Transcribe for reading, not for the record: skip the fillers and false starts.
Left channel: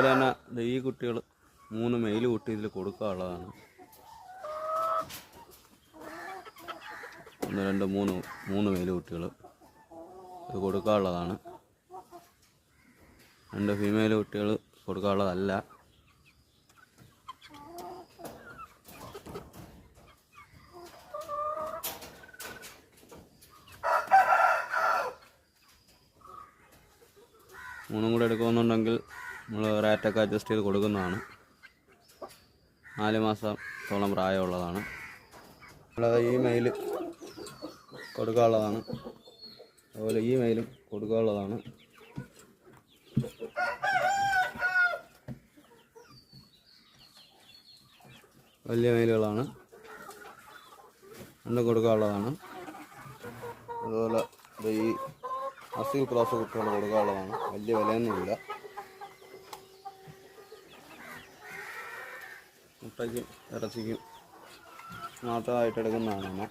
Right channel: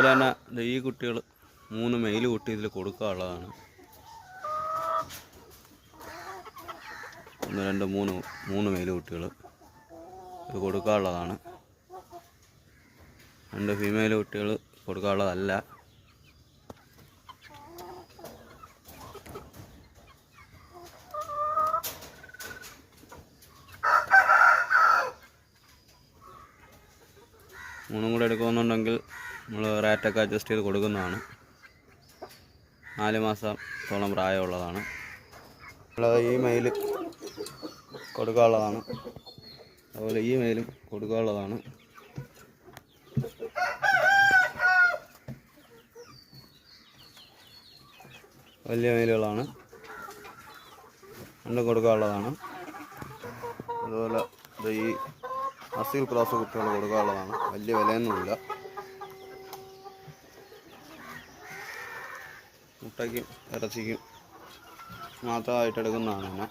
അതുപോലെ തന്നെ ഈ കുട്ടികൾ 3 മെയിൽ കുട്ടി ഇതിൽ കൊടുക്കാനുള്ളതാണ്. 1 2 3 മെയിൽ കുട്ടികൾ ഇത് കൊടുക്കാനുള്ളതാണ്. 2 ഫീമെയിൽ കുട്ടികൾ കൊടുക്കാനുള്ളതല്ല. മൂന്നും കൂടെ എടുക്കുന്നുണ്ടെങ്കിൽ നമ്മൾ റേറ്റൊക്കെ അഡ്ജസ്റ്റ് ചെയ്ത് കൊടുക്കുന്നതാണ്. 4 മാസത്തോളം പ്രായമുള്ളതാണ്. ഈ മെയിൽ കൊടുക്കാനുള്ളതാണ്. അതുപോലെ ഈ മെയിലും കൊടുക്കാനുള്ളതാണ്. വലിയ മെയിലുകളാണ്, രണ്ടും കൊടുക്കാനുള്ളതാണ്. അതുപോലെ ഈ അസീൽ ക്രോസ് കുട്ടികൾ കൊടുക്കാനുള്ളതാണ്. വലിയ വിലയൊന്നുമില്ല. മുട്ടയ്ക്കും ഇറച്ചിക്കും മാത്രമായിട്ട് എടുക്കുന്നതാണ്.